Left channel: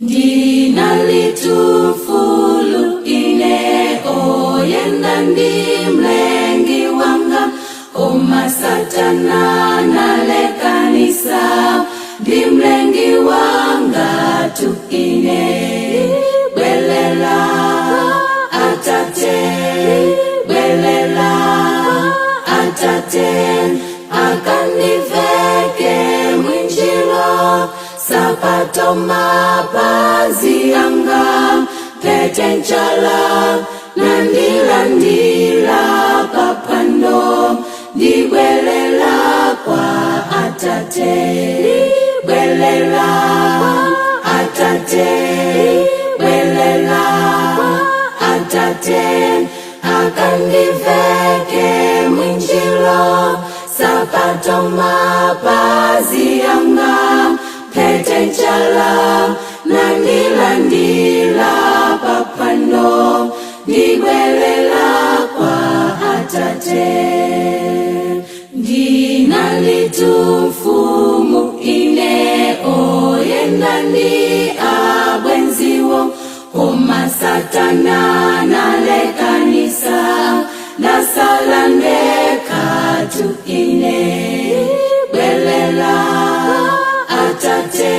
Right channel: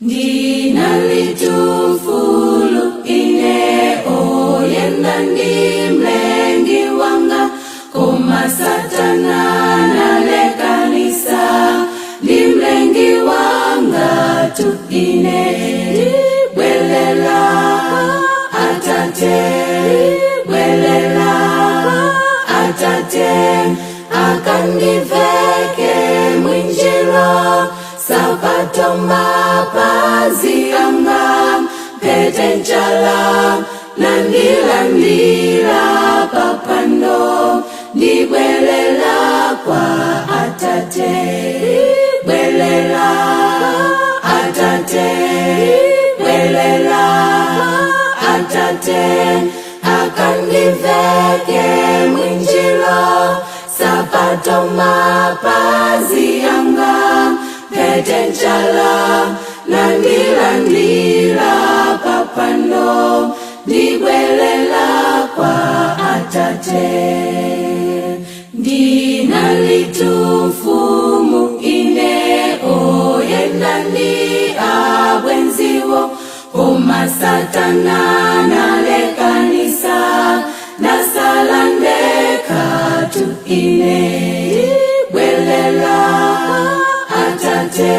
ndinalitufulu ine oyenda ndi mlengi wanga, koma Satana nalekanisa ndi mlengi wanga tu ine. Bwelela Atate, bwelela Atate, akandiveke mwinjiro, sapato mapazi yanga, pete nchala nandilandila papando, ndibwelela kwa Atate. Bwelela Atate, bwelela Atate, akandiveke mwinjilo, sapato mapazi yanga, pete nchala nandilandila papando, ndibwelela kwa Atate. Ndinalitufumu ine oyenda ndi abwenziwo, koma Satana nalekanisa nasala ndeka tu ine. Bwelela Atate,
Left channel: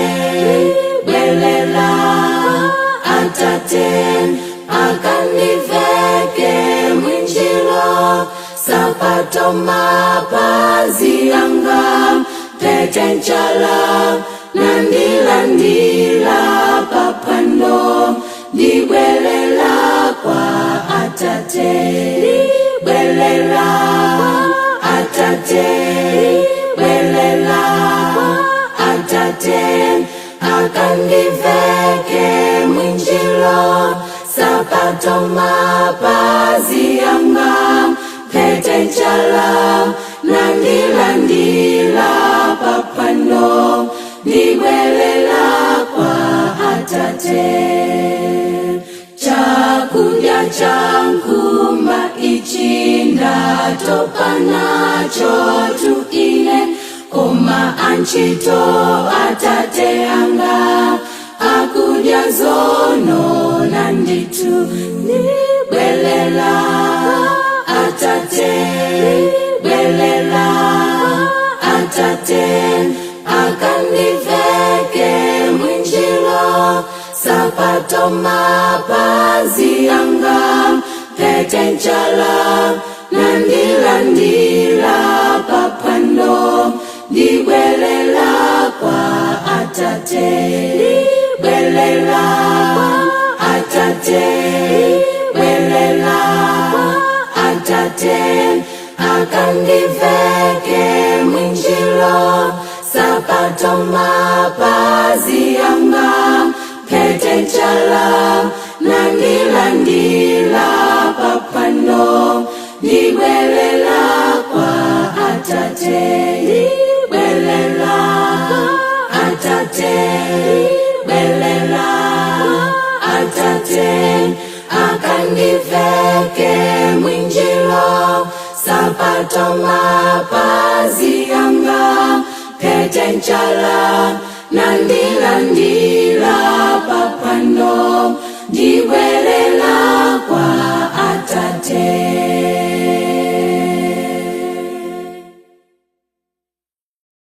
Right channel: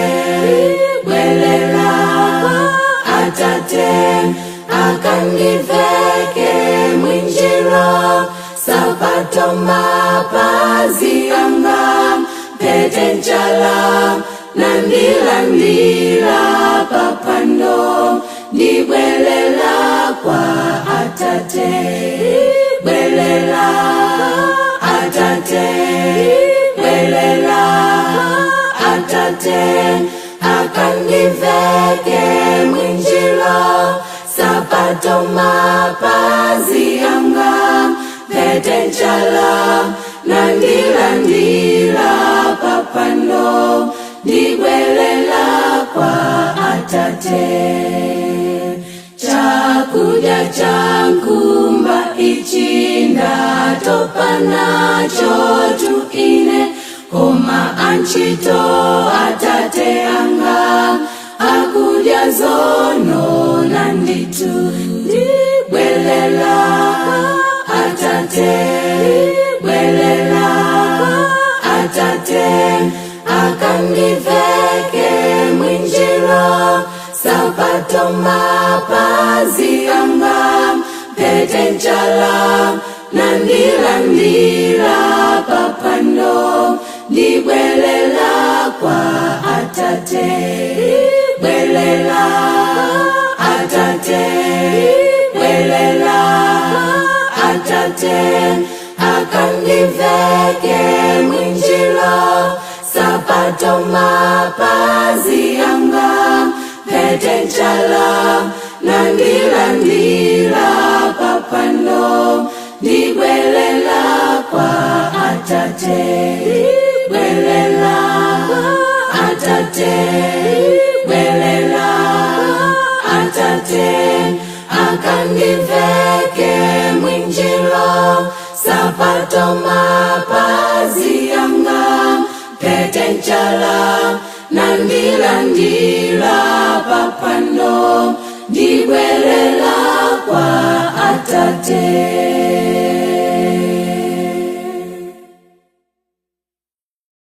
bwelela Atate, akandiveke mwinjiro, sapato mapazi yanga, pete nchala nandilandila papando, ndibwelela kwa Atate. Bwelela Atate, bwelela Atate, akandiveke mwinjilo, sapato mapazi yanga, pete nchala nandilandila papando, ndibwelela kwa Atate. Chakudya chankumba ichi ndatopa nacho tu ine, koma anchito Atate yanga, akudya zono nanditu. Ndibwelela Atate, bwelela Atate, akandiveke mwinjilo, sapato mapazi yanga, pete nchala nandilandila papando, ndibwelela kwa Atate. Bwelela Atate, bwelela Atate, akandiveke mwinjilo, sapato mapazi yanga, pete nchala nandilandila papando, ndibwelela kwa Atate. Bwelela Atate, bwelela Atate, akandiveke mwinjilo, sapato mapazi yanga, pete nchala nandilandila papando, ndibwelela kwa Atate.